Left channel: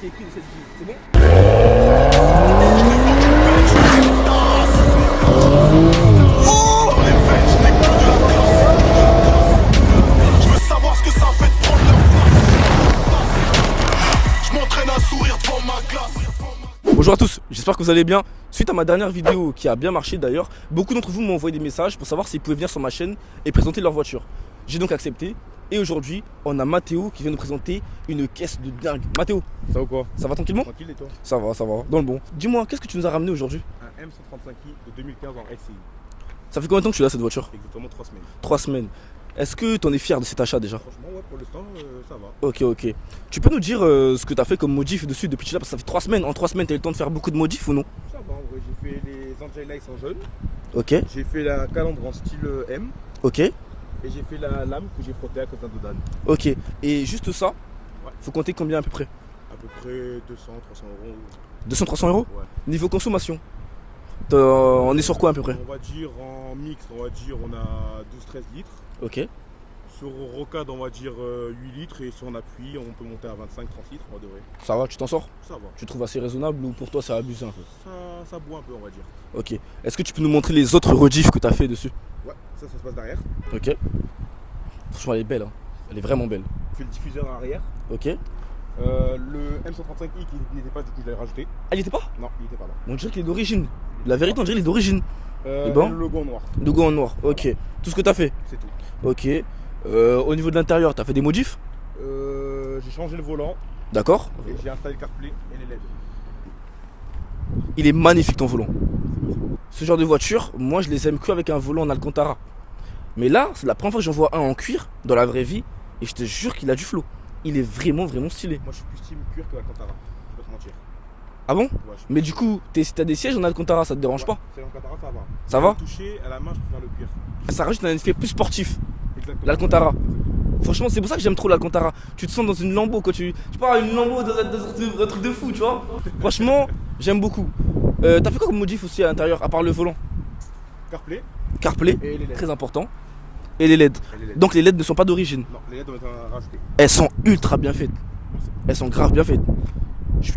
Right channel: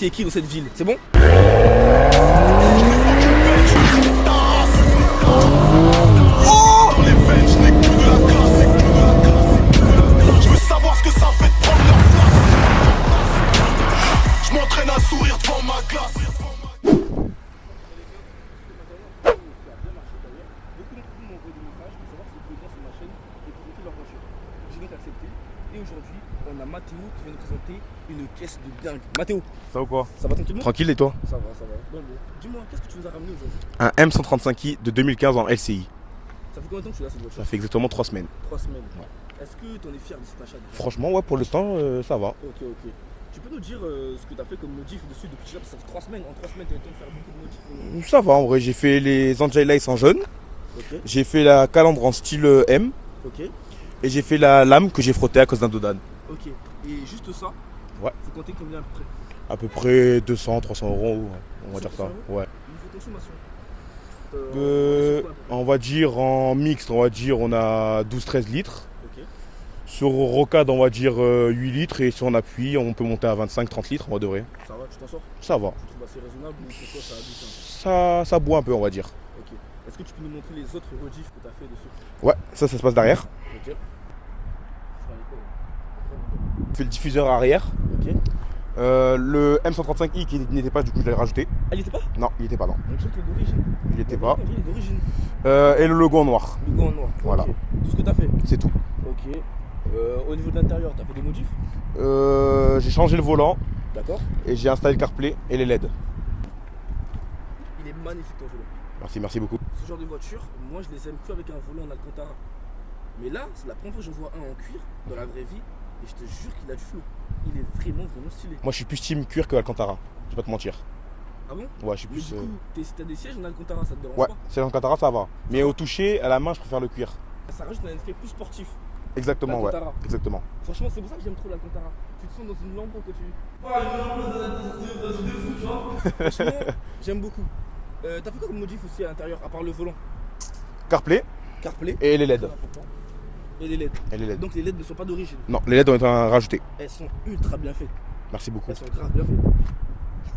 qui est qui dans cette ville, c'est bon? Je veux savoir ce que ça fait de prendre leur place. Je m'entraîne à sourire devant ma glace. Bonjour à tous, j'espère que vous allez bien. Suite à ma dernière vidéo qui a bien marché d'ailleurs, beaucoup d'entre vous m'ont envoyé des messages pour savoir s'ils pouvaient venir sur ma chaîne et présenter leur voiture. J'ai donc accepté et aujourd'hui on a Mathéo qui vient nous présenter une caisse de dingue. Mathéo, Ça va ou quoi? ça va tranquillement? Tranquille et toi? Ça va, dans le bon. Dis-moi, qu'est-ce que tu nous as ramené aujourd'hui? Un M135i de 2015 en LCI. Ça fait combien de temps que tu as cette voiture? Ça fait exactement 3 semaines. 3 semaines. Est-ce que tu en es fier de cet achat déjà? Franchement, ouais, pour l'instant, ça va. Ok. Tu peux nous dire ce que tu as fait comme modif dessus depuis que tu l'as? Parce que ça fait 3 semaines. En 3 semaines, tu as eu le temps de faire beaucoup de modifs ou non? Ça va, en vrai, j'ai fait les Angel en jaune. Ok, J'ai fait la calandre en style M. ok, Et j'ai fait la lame que j'ai frottée à cause d'un dodan. ok. Et juste ça, Ouais. faut compter combien à peu près? À peu près 200, 300 euros. 200-300 euros? Ouais. Niveau consommation, on est sur quoi à peu près? On va dire en mixte, on a 12-13 litres. Ok, Sur rocade, on va dire 8 litres. Et si on appuie, on peut monter à 25-30 litres, on va de vrai. ça va, tu t'en sors? Ça va. Tu trouves assez raisonnable ou pour toi ça abuse un peu? Ça boit un peu, on va dire. Ok. Est-ce que tu peux nous montrer les autres rediffs que tu as fait dessus? Ouais, ça se passe derrière. Ok. Franchement, elle est belle, hein. Elle est vraiment belle. On fait le diffuseur arrière. Ok. Le M135i qui n'était pas, du coup je l'ai rajouté. Ah, il était pas? Non, il n'était pas, non. On dirait qu'il est d'origine. Il était La vérité, pas. on dirait qu'il est d'origine. Et le logo en noir. Logo en noir. Voilà. Ok. Tout ce que tu as fait. C'est tout. Ok. Au niveau de l'intérieur, tu as fait des modifs? J'ai changé le volant D'accord. et j'ai installé le CarPlay et les LED. Il est magnifique ton volant. Merci beaucoup. Ce genre de voiture, moi je les aime que avec un volant en Alcantara. Mais là, c'est la première fois que j'en vois un en cuir dans la vraie vie et je te jure qu'il a du flow. Il est vraiment stylé. Moi je suis plus team cuir que Alcantara. Je vais pas te mentir. Ah bon? Ouais, je suis Mais plus, du coup, si t'as des sièges en Alcantara, ça te dérange ouais, pas? c'est l'Alcantara, ça va. Ça Mais va au toucher, à la main, je préfère le cuir. Ça rajoute un effet plus sportif. Exactement. L'Alcantara. Ouais, exactement. Franchement, c'est pour ça que j'aime trop l'Alcantara. Tu te sens dans une Lambo quand tu. Je sais pas, une Lambo dans un truc de fou, tu vois. Franchement, j'aime beaucoup. T'as fait quoi comme modif aussi à l'intérieur, à part le volant? CarPlay CarPlay, et les LED. très important. Et les LED. Et les LED. Donc les LED ne sont pas d'origine. Non, les LED ont été rajoutés. Elles sont ultra bien faites. Merci beaucoup. Elles sont grave bien faites.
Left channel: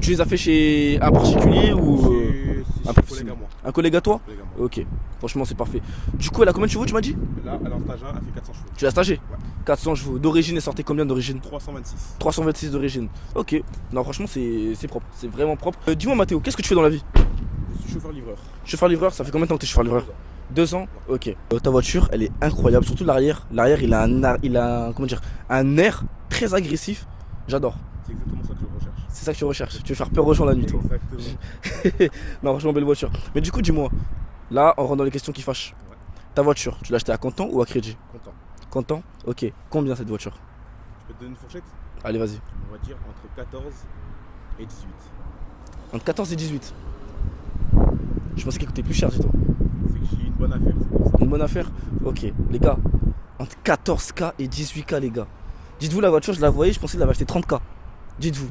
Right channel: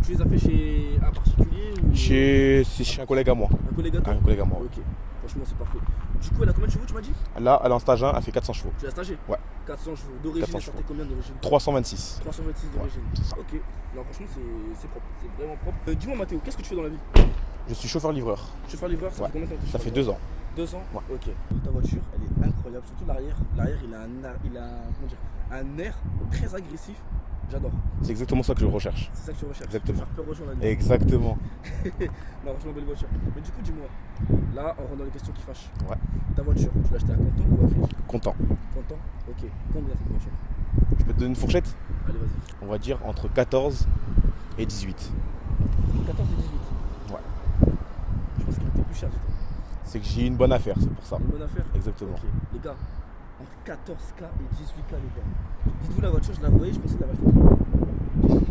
Tu les as fait chez un particulier ou C'est chez un collègue à moi. un collègue à toi? Un collègue à moi. Ok, franchement c'est parfait. Du coup, elle a combien de chevaux tu m'as dit? Là, elle est en stage 1, elle fait 400 chevaux. Tu l'as stagé? Ouais. 400 chevaux. D'origine, elle sortait combien d'origine? 326. 326 d'origine. Ok. Non, franchement, c'est propre. C'est vraiment propre. Dis-moi, Mathéo, qu'est-ce que tu fais dans la vie? Je suis chauffeur-livreur. Chauffeur-livreur, ça fait combien de temps que tu es chauffeur-livreur? 2 ans. 2 ans? Ouais. Ok. Ta voiture, elle est incroyable, surtout l'arrière. L'arrière, il a comment dire, un air très agressif. J'adore. C'est exactement ça que je recherche. C'est ça que tu recherches. Tu veux faire peur aux gens la nuit. toi. Exactement. Non, franchement, belle voiture. Mais du coup, dis-moi, là, on rentre dans les questions qui fâchent. Ouais. Ta voiture, tu l'as achetée à comptant ou à crédit? Content. Comptant? Ok. Combien cette voiture? Je peux te donner une fourchette? Allez, vas-y. On va dire entre 14 et 18. Entre 14 et 18. Ouais. Je pensais qu'il coûtait plus cher, dis-toi. C'est que j'ai une bonne affaire, c'est pour ça. Une bonne affaire? Exactement. Ok, les gars, entre 14K et 18K, les gars. Dites-vous, la voiture, je la voyais, je pensais que l'avait acheté 30K. Dites-vous,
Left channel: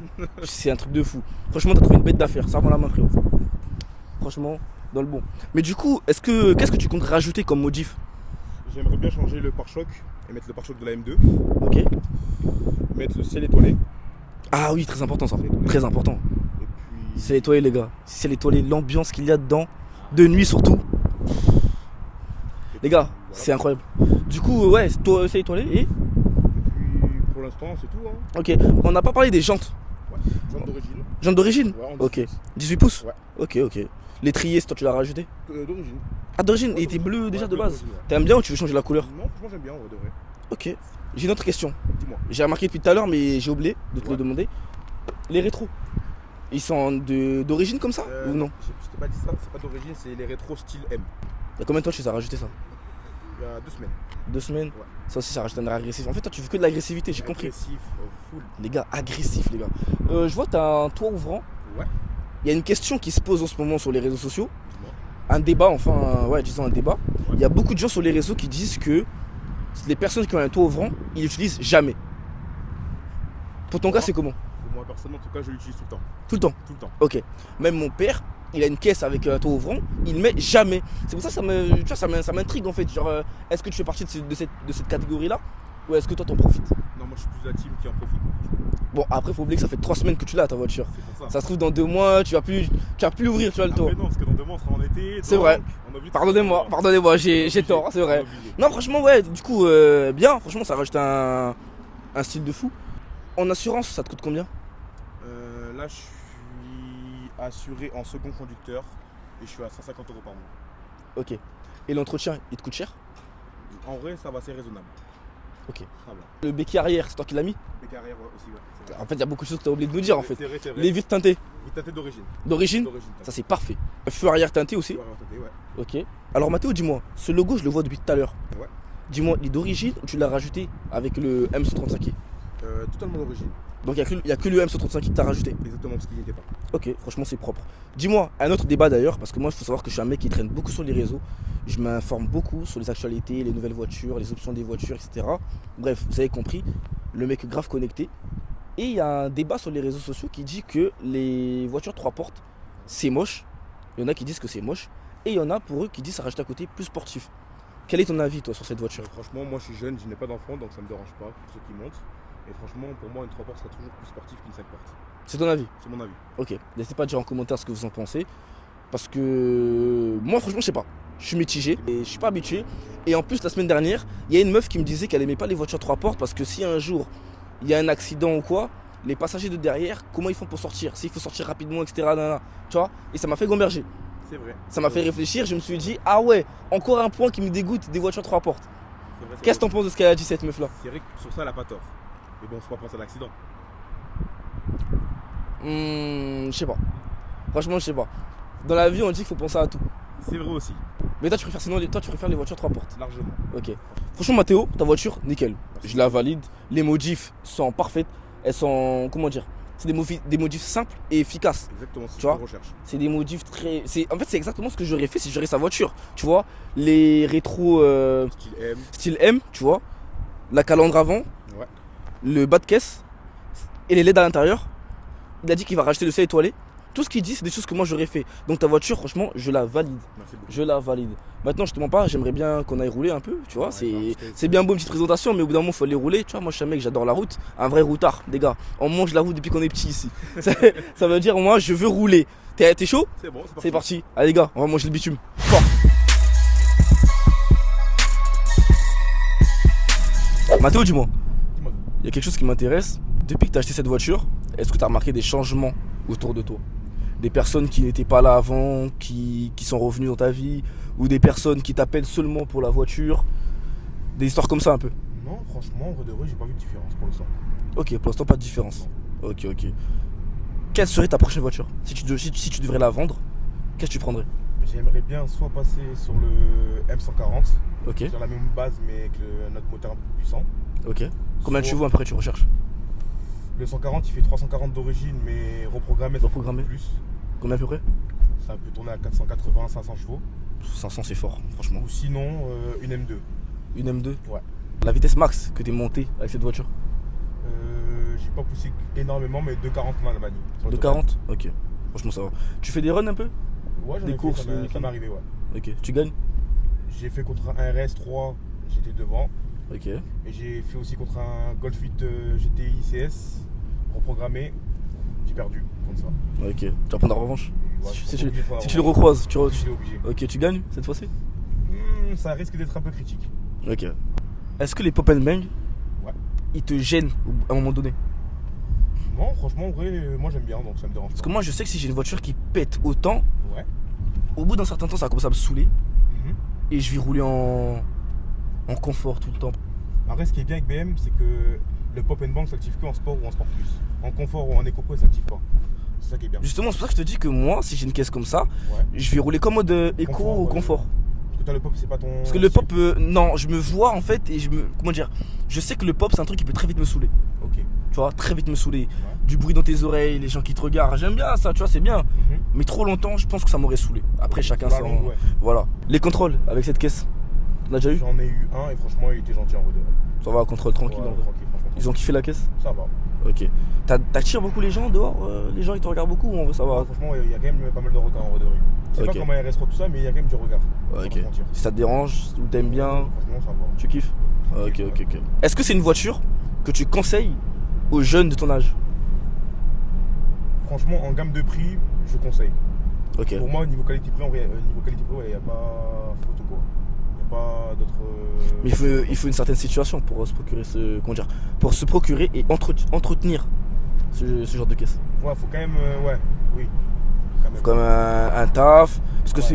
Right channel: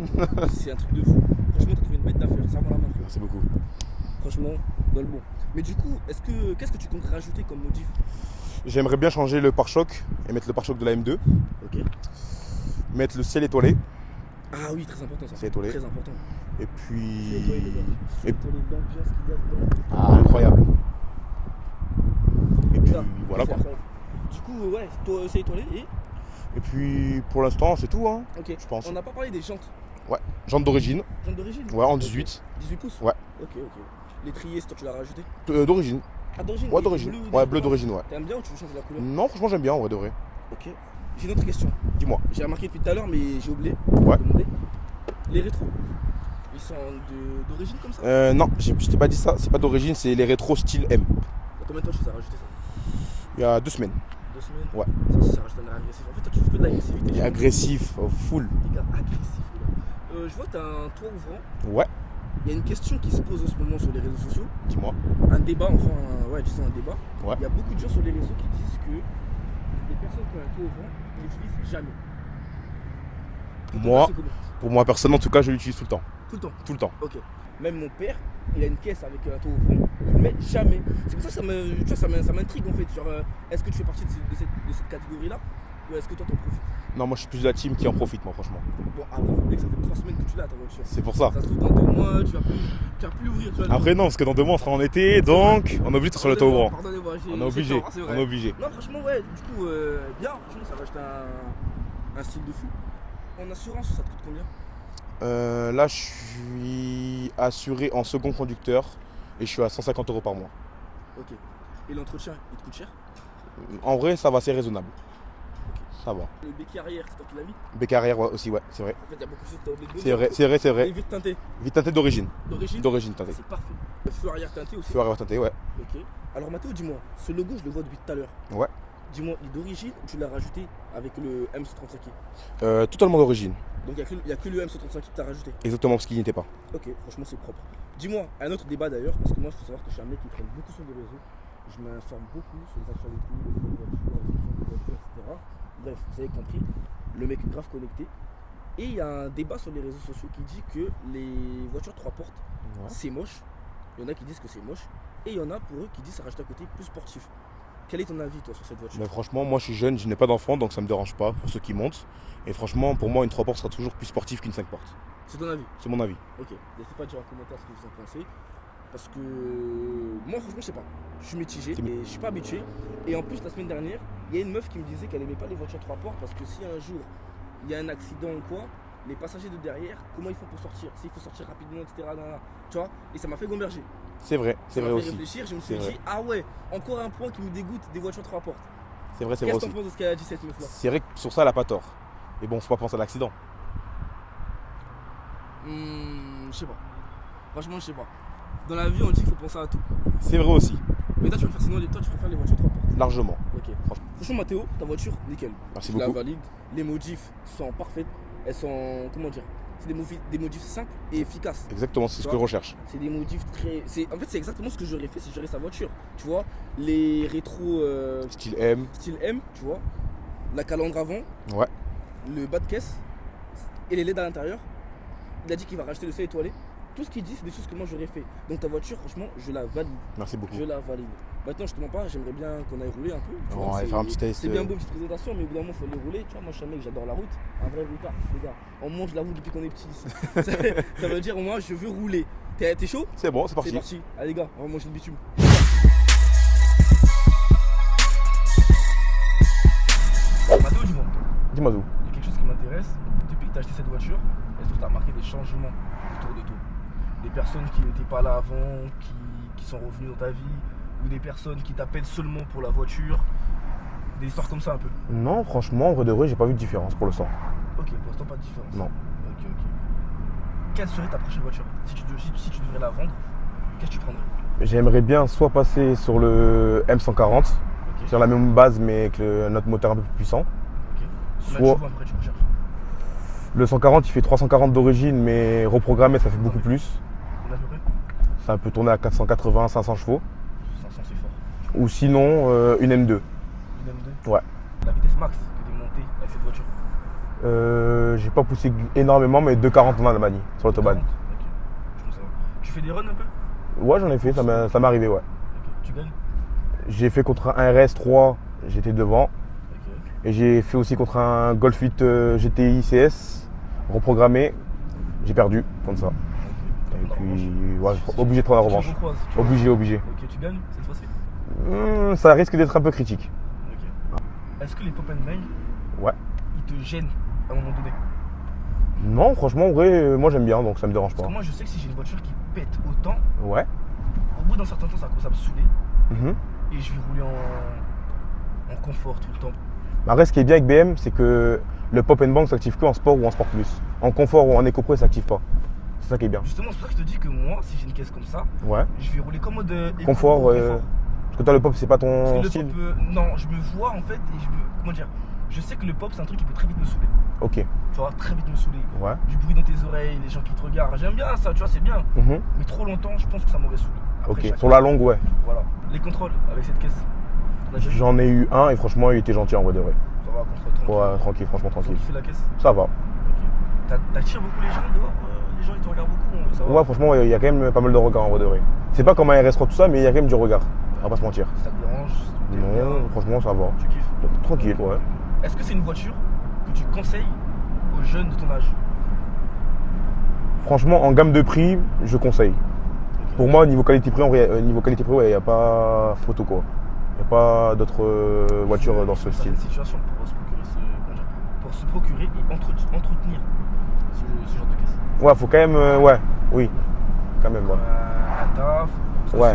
c'est un truc de fou. Franchement, t'as trouvé une bête d'affaires, ça rend la main, frérot. Franchement, dans le bon. Mais du coup, qu'est-ce que tu comptes rajouter comme modif? J'aimerais bien changer le pare-choc et mettre le pare-choc de la M2. Ok. Mettre le ciel étoilé. Ah oui, très important ça. C'est étoilé. Très important. Et puis. C'est étoilé, les gars. C'est étoilé, l'ambiance qu'il y a dedans, Ah, de nuit voilà. surtout. Et Les gars, puis, voilà. c'est incroyable. Du coup, ouais, c'est étoilé et. Et puis pour l'instant, c'est tout. Hein. Ok, Je pense. on n'a pas parlé des jantes. Ouais. Jante d'origine. Jantes d'origine? Ouais, en Ok. 18. 18 pouces? Ouais. Ok. L'étrier, c'est toi tu l'as rajouté? D'origine. Ah, d'origine? Ouais, Et il était d'origine. bleu Ouais, déjà de bleu base. d'origine, ouais. T'aimes bien ou tu veux changer la couleur? Non, franchement, j'aime bien, ouais, de vrai. Ok. J'ai une autre question. Dis-moi. J'ai remarqué depuis tout à l'heure, mais j'ai oublié de Ouais. te demander. Les rétros, ils sont d'origine comme ça? Non, je t'ai pas dit ça. C'est pas d'origine, c'est les rétros style M. Il y a combien de temps tu les as rajouté ça? Il y a 2 semaines. 2 semaines? Ouais. Ça aussi, ça rajoute un air agressif. En fait, toi, tu fais que de l'agressivité. j'ai compris. Agressif, full. Les gars, agressifs, les gars. Je vois que t'as un toit ouvrant. Ouais, Il y a une question qui se pose en ce moment sur les réseaux sociaux. dis-moi. Un débat, enfin, ouais, disons un débat. Ouais. Il y a beaucoup de gens sur les réseaux qui disent que les personnes qui ont un toit ouvrant, ils l'utilisent jamais. Pour ton Moi, cas, c'est comment? Pour moi, personne, en tout cas, je l'utilise tout le temps. Tout le temps. Tout le temps. Ok. Même mon père, il a une caisse avec un toit ouvrant, il ne met jamais. C'est pour ça que ça m'intrigue en fait. Genre, est-ce que tu fais partie de cette catégorie-là? Ou est-ce que toi t'en profites? Non, moi je suis plus de la team qui en profite, moi, franchement. Bon, après, faut oublier que ça fait 3 semaines que tu l'as ta voiture. C'est pour ça. Ça se trouve, dans 2 mois, tu vas plus l'ouvrir, tu vas le Après, tour. non, parce que dans 2 mois on sera en été, C'est vrai. donc on est obligé de se mettre au courant. Pardonnez-moi, On est j'ai obligé. tort, c'est On est vrai. obligé. Non, franchement, ouais, du coup, bien. Franchement, ça rajoute un style de fou. En assurance, ça te coûte combien? Là, je suis assuré en second conducteur et je suis à 150 € par mois. Ok. Et l'entretien, il te coûte cher? En vrai, ça va, c'est raisonnable. Ok. Ça va. Le béquet arrière, c'est toi qui l'as mis? Bec arrière, ouais, aussi, ouais, c'est vrai. En fait, il y a beaucoup de choses que tu as oublié de nous C'est dire. vrai, En fait. c'est vrai, c'est vrai. Les vitres teintées Vite teinté d'origine. d'origine, D'origine ça teinté. c'est parfait. Un feu arrière teinté aussi. Tu vas teinté, ouais. Ok. Alors Mathéo, dis-moi, ce logo, je le vois depuis tout à l'heure. Ouais. Dis-moi, il est d'origine ou tu l'as rajouté avec le M135i? Totalement d'origine. Donc il n'y a que le M135i que tu as rajouté. Exactement, parce qu'il n'y était pas. Ok, franchement c'est propre. Dis-moi, un autre débat d'ailleurs, parce que moi il faut savoir que je suis un mec qui traîne beaucoup sur les réseaux. Je m'informe beaucoup sur les actualités, les nouvelles voitures, les options des voitures, etc. Bref, vous avez compris, le mec est grave connecté. Et il y a un débat sur les réseaux sociaux qui dit que les voitures 3 portes, c'est moche. Il y en a qui disent que c'est moche. Et il y en a pour eux qui disent que ça rajoute un côté plus sportif. Quel est ton avis toi sur cette voiture? Franchement, moi je suis jeune, je n'ai pas d'enfant, donc ça me dérange pas pour ceux qui montent. Et franchement, pour moi, une 3 portes sera toujours plus sportive qu'une 5 portes. C'est ton avis? C'est mon avis. Ok, n'hésitez pas à dire en commentaire ce que vous en pensez. Parce que moi franchement je sais pas. Je suis mitigé, mais je suis pas habitué. Et en plus la semaine dernière, il y a une meuf qui me disait qu'elle aimait pas les voitures 3 portes parce que si un jour il y a un accident ou quoi, les passagers de derrière, comment ils font pour sortir? S'il faut sortir rapidement, etc. Nanana, tu vois? Et ça m'a fait gamberger. C'est vrai. Ça m'a fait réfléchir, je me suis dit, ah ouais, encore un point qui me dégoûte des voitures 3 portes. C'est vrai, c'est Qu'est-ce que vrai. t'en penses de ce qu'elle a dit cette meuf là? C'est vrai que sur ça, elle a pas tort. Mais bon, faut pas penser à l'accident. Je sais pas. Franchement, je sais pas. Dans la vie, on dit qu'il faut penser à tout. C'est vrai aussi, Mais toi, tu préfères les voitures 3 portes. largement. Ok. Franchement, Mathéo, ta voiture, nickel. Merci Je la beaucoup. valide. Les modifs sont parfaites. Elles sont, comment dire, c'est des modifs simples et efficaces. Exactement, c'est Tu ce que vois je recherche. C'est des modifs très. En fait, c'est exactement ce que j'aurais fait si j'aurais sa voiture. Tu vois, les rétros Style M. style M, tu vois, la calandre avant, Ouais. le bas de caisse et les LED à l'intérieur. Il a dit qu'il va racheter le sel étoilé. Tout ce qu'il dit, c'est des choses que moi j'aurais fait. Donc ta voiture, franchement, je la valide. Merci beaucoup. Je la valide. Maintenant, je te mens pas, j'aimerais bien qu'on aille rouler un peu, tu vois. Ouais, faire un petit test, C'est bien beau une petite présentation, mais au bout d'un moment, faut aller rouler. Tu vois, moi, je suis un mec, j'adore la route. Un vrai routard, les gars. On mange la route depuis qu'on est petit ici. Ça veut dire, moi, je veux rouler. T'es chaud? C'est bon, c'est parti. C'est parti. Allez, les gars, on va manger le bitume. Mathéo, dis-moi, Dis-moi d'où. il y a quelque chose qui m'intéresse. Depuis que tu as acheté cette voiture, est-ce que tu as remarqué des changements autour de toi? Des personnes qui n'étaient pas là avant, qui sont revenues dans ta vie, ou des personnes qui t'appellent seulement pour la voiture? Des histoires comme ça un peu. Non, franchement, en vrai de vrai, j'ai pas vu de différence pour l'instant. Ok, pour l'instant pas de différence. Non. Ok. Quelle serait ta prochaine voiture? Si tu devrais la vendre, qu'est-ce que tu prendrais? J'aimerais bien soit passer sur le M140, Ok, sur la même base mais avec notre moteur un peu plus puissant. ok. Combien de Soit- chevaux après tu recherches? Le 140, il fait 340 d'origine, mais reprogrammé, ça fait beaucoup Reprogrammé. plus. Combien à peu près? Ça peut tourner à 480, 500 chevaux. 500 c'est fort, franchement. Ou sinon, une M2. Une M2? Ouais. La vitesse max que tu es montée avec cette voiture? J'ai pas poussé énormément, mais 240 en Allemagne, sur De l'autobahn. 40? Ok, franchement ça va. Tu fais des runs un peu? Ouais, j'en Des ai fait, ça courses, m'est arrivé, ouais. Ok, tu gagnes? J'ai fait contre un RS3, j'étais devant. Ok. Et j'ai fait aussi contre un Golf 8 GTI CS, reprogrammé. J'ai perdu contre ça. Ok, tu vas prendre la revanche? Ouais, Si obligé de prendre la Si tu le revanche. recroises, tu vois. Obligé. Ok, tu gagnes cette fois-ci? Ça risque d'être un peu critique. Ok. Est-ce que les pop and bang, Ouais. ils te gênent à un moment donné? Non, franchement, en vrai, moi j'aime bien, donc ça me dérange Parce pas. que moi je sais que si j'ai une voiture qui pète autant, Ouais. au bout d'un certain temps ça va commencer à me saouler Mhm. et je vais rouler en confort tout le temps. Après, ce qui est bien avec BM, c'est que le pop and bang s'active que en sport ou en sport plus. En confort ou en éco-pro, ça s'active pas. C'est ça qui est bien. Justement, c'est pour ça que je te dis que moi, si j'ai une caisse comme ça, Ouais. je vais rouler comme mode éco Confort, ou confort. Parce que toi, le pop, c'est pas ton. Parce que le style. pop, non, je me vois en fait et comment dire, je sais que le pop c'est un truc qui peut très vite me saouler. Ok. Tu vois, très vite me saouler. Ouais. Du bruit dans tes oreilles, les gens qui te regardent, j'aime bien ça, tu vois, c'est bien. Mhm. Mais trop longtemps, je pense que ça m'aurait saoulé. Après, Ok. chacun. Sur la son- longue, ouais. Voilà. Les contrôles avec cette caisse, on a déjà eu? J'en ai eu un et franchement, il était gentil en vrai de vrai. Ça va, contrôle tranquille. Ouais, tranquille, franchement, Ils ont tranquille. kiffé la caisse? Ça va. Ok. T'attires beaucoup les gens dehors les gens ils te regardent beaucoup ou on veut savoir? Ouais, franchement, il y a quand même pas mal de regards en vrai de vrai. C'est pas Ok. comme un RS3 tout ça, mais il y a quand même du regard. On va Ok. pas se mentir. Si ça te dérange, si t'aimes Ouais, bien, Franchement, ça va. tu kiffes? Tranquille, Ok, ouais. ok. Est-ce que c'est une voiture que tu conseilles aux jeunes de ton âge? Franchement, en gamme de prix, je conseille. Ok. Pour moi, niveau qualité-prix, ouais, il n'y a pas photo quoi. Il n'y a pas d'autres Il voitures. faut, dans il ce faut une style. certaine situation pour se procurer pour se procurer et entretenir ce genre de caisse. Ouais, faut quand même. Ouais, oui. Quand même. Comme un taf, parce que Ouais.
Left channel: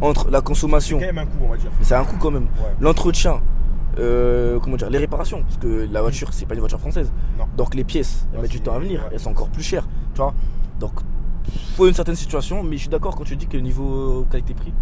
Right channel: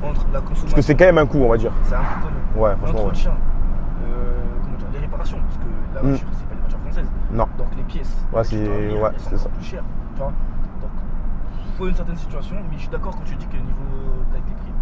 c'est entre la Parce que consommation, c'est quand même un coût, on va dire. c'est un coût quand même. Ouais. L'entretien, les réparations, parce que la voiture c'est pas une voiture française. Non. Donc les pièces, Ouais, tu c'est- t'en venir, ouais, elles sont c'est encore ça. plus chères, tu vois. Donc faut une certaine situation, mais je suis d'accord quand tu dis que niveau qualité-prix,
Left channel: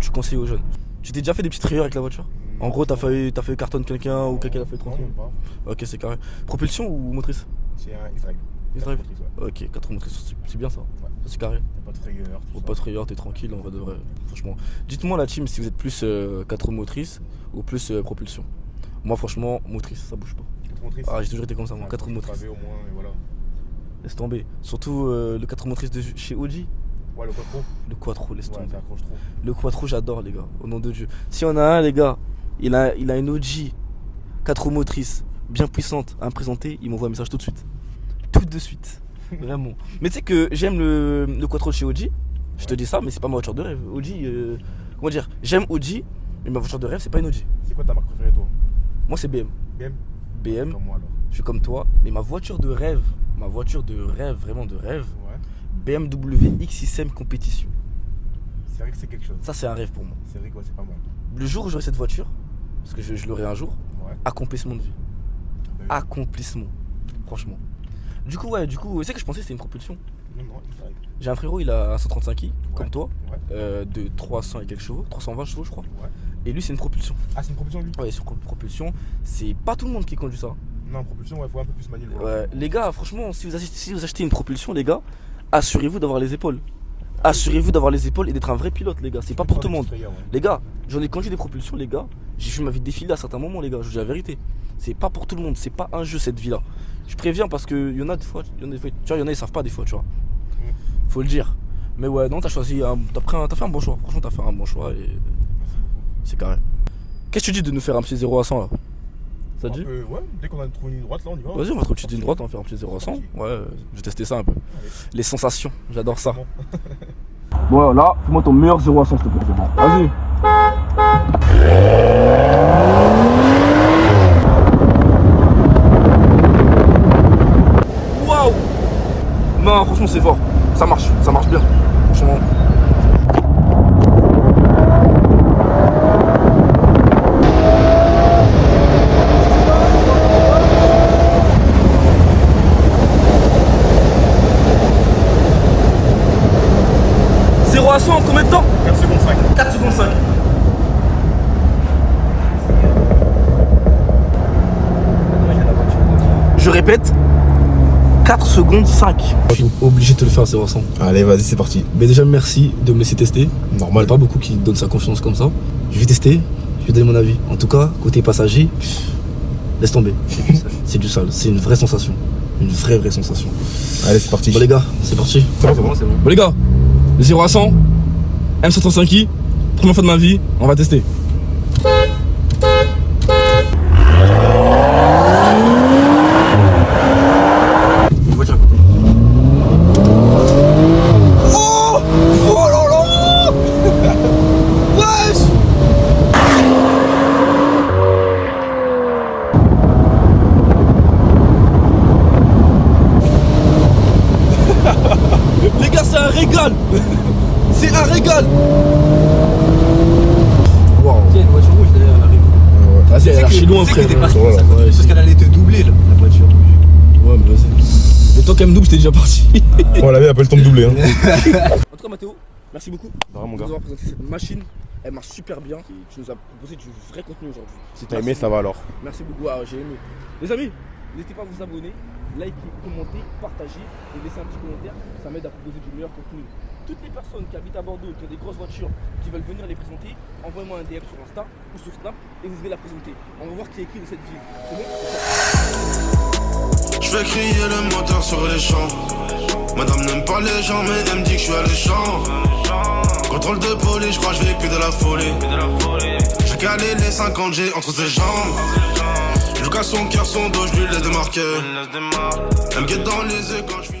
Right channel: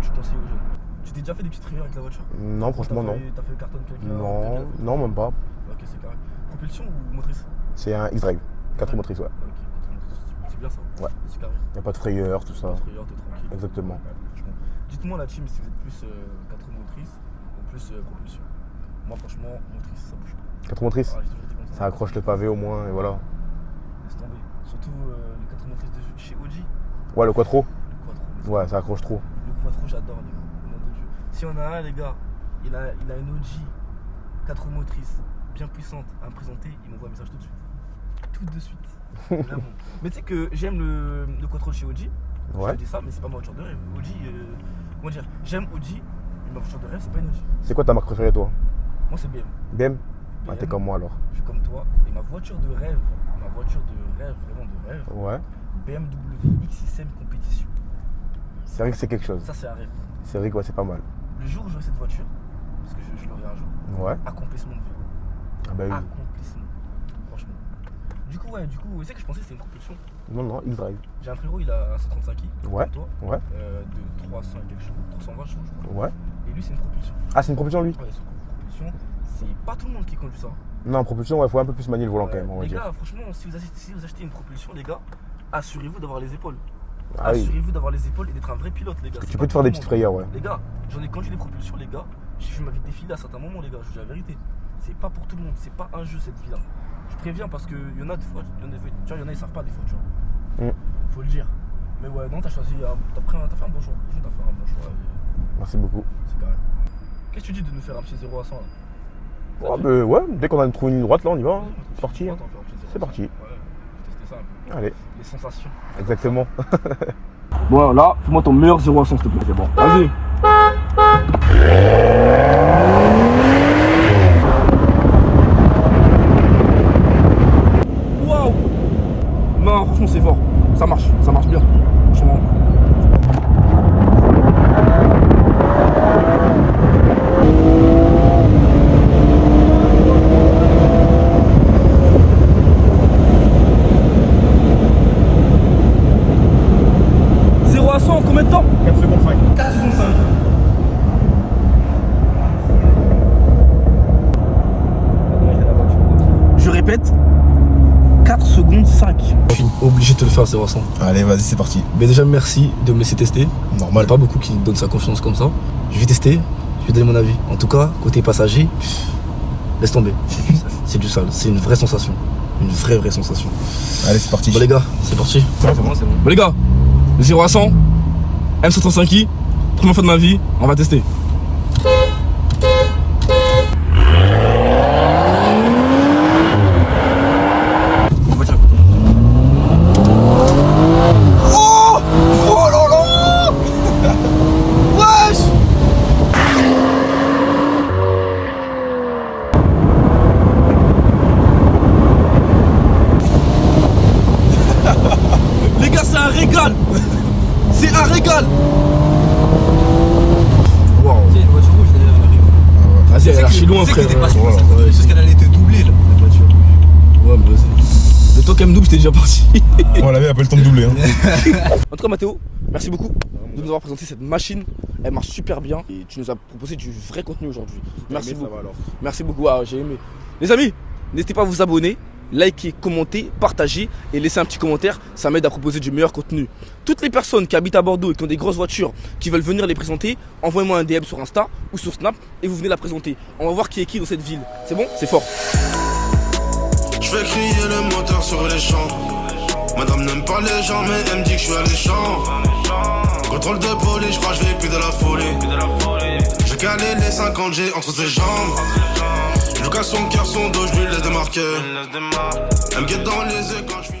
tu conseilles aux jeunes. Tu t'es déjà fait des petites frayeurs avec la voiture? Non, En gros, t'as franchement, fait cartonne quelqu'un non. ou quelqu'un a fait Non, même pas. Ok, c'est carré. Propulsion ou motrice? C'est un X-Drive. 4 X-Drive. motrices, ouais. Ok, 4 motrices, c'est bien ça. Ouais. C'est carré. Il n'y a pas de frayeur, tout ça. Pas de frayeur, t'es tranquille. En fait, Exactement. franchement. Dites-moi la team si vous êtes plus 4 motrices ou plus propulsion. Moi, franchement, motrice, ça bouge pas. 4 motrices. Ah, j'ai toujours été comme ça. Ça moi, accroche 4 le motrices. pavé au moins, et voilà. Laisse tomber. Surtout le 4 motrices de chez Audi. Ouais, le quattro. Le Quattro, laisse Ouais, tomber. ça accroche trop. Le Quattro, j'adore, les gars. Au nom de Dieu. Si on a un, les gars, il a une Audi 4 motrices bien puissante à me présenter, il m'envoie un message tout de suite. Tout de suite. Vraiment. Mais tu sais que j'aime le Quattro chez Audi. Je te Ouais. dis ça, mais c'est pas ma voiture de rêve. Audi, comment dire, j'aime Audi, mais ma voiture de rêve, c'est pas une Audi. C'est quoi ta marque préférée, toi? Moi, c'est BM. BM? Ah, t'es BM, comme moi alors. je suis comme toi, mais ma voiture de rêve, vraiment de rêve, Ouais. BMW X6M Compétition. C'est vrai que c'est quelque chose. Ça, c'est un rêve pour moi. C'est vrai que ouais, c'est pas mal. Le jour où j'aurai cette voiture, parce que je l'aurai un jour, Ouais. accomplissement de vie. Ah bah oui. Accomplissement. Franchement. Du coup, tu sais que je pensais que c'était une propulsion. Non, non, X-Drive. J'ai un frérot, il a un 135i, Ouais. comme toi, Ouais. de 300 et quelques chevaux, 320 chevaux, je crois. Ouais. Et lui, c'est une propulsion. Ah, c'est une propulsion lui? Ouais, sur propulsion, c'est pas tout le monde qui conduit ça. Non, propulsion, ouais, faut un peu plus manier le volant quand Ouais, même. Ouais. les gars, franchement, si vous achetez une propulsion, les gars, assurez-vous d'avoir les épaules. Ah oui. Assurez-vous d'avoir les épaules et d'être un vrai pilote, les gars. C'est Tu pas peux te pour faire tout des le petites monde. frayeurs, ouais. Les gars, j'en ai conduit des propulsions, les gars. J'ai vu ma vie défiler à certains moments, les gars. Je vous dis la vérité. C'est pas pour tout le monde. C'est pas un jeu, cette vie-là. Je préviens parce qu'il y en a des fois, tu vois, il y en a, ils savent pas des fois, tu vois. Faut le dire. Mais ouais, non, t'as choisi, t'as fait un bon choix. Franchement, t'as fait un bon choix et Merci beaucoup. c'est carré. Qu'est-ce que tu dis de nous faire un petit 0 à 100 là? Ça Ouais, te dit ouais, dès qu'on a trouvé une ligne droite, là, on y va. Vas-y, on va te petite Parti. ligne droite, on va faire un petit 0 à C'est 100. parti. Ouais, je vais tester ça un peu. Allez, Les sensations, j'adore ça. exactement. Bon, là, fais-moi ton meilleur 0 à 100, s'il te plaît. C'est bon. Vas-y. Waouh! Non, franchement, c'est fort. Ça marche bien. Franchement. Zéro à 100 en combien de temps? 4 secondes 5. 4 secondes 5. Je répète, 4 secondes 5. Je suis obligé de te le faire, 0 à 100. Allez, vas-y, c'est parti. Mais déjà, merci de me laisser tester. Il n'y Normal. a pas beaucoup qui donnent sa confiance comme ça. Je vais tester, je vais donner mon avis. En tout cas, côté passager, laisse tomber. C'est du sale, c'est une vraie sensation. Une vraie sensation. Allez, c'est parti. Bon les gars, c'est parti. C'est bon, c'est bon. Bon les gars, de 0 à 100, M135i, première fois de ma vie, on va tester. Une voiture à côté. Oh! Oh là là! Wesh! Les gars, c'est un régal! C'est un régal! Waouh! Tiens, une voiture rouge derrière, elle arrive. Vas-y, elle est archi loin, Tu sais frère. que t'es pas si Voilà. loin, ça, Ouais, parce qu'elle allait te doubler là, la voiture. Ouais, mais vas-y. Le temps qu'elle me double, j'étais déjà parti. On avait un peu le temps de doubler. Hein. En tout cas, Mathéo, merci beaucoup Vraiment, de nous avoir présenté cette machine. Elle marche super bien et tu nous as proposé du vrai contenu aujourd'hui. Mais Merci ça beaucoup. va alors. Merci beaucoup, ah, j'ai aimé. Les amis, n'hésitez pas à vous abonner, liker, commenter, partager et laisser un petit commentaire. Ça m'aide à proposer du meilleur contenu. Toutes les personnes qui habitent à Bordeaux et qui ont des grosses voitures, qui veulent venir les présenter, envoyez-moi un DM sur Insta ou sur Snap et vous venez la présenter. On va voir qui est qui dans cette ville. C'est bon? C'est fort. Je vais crier le moteur sur les champs. Madame n'aime pas les gens mais elle me dit que je suis alléchant. Contrôle de police, je crois que je vis plus de la folie. J'ai calé les 50 G entre ses jambes. Je casse son cœur, son dos, je lui laisse des marqueurs. Elle me guette dans les yeux quand je suis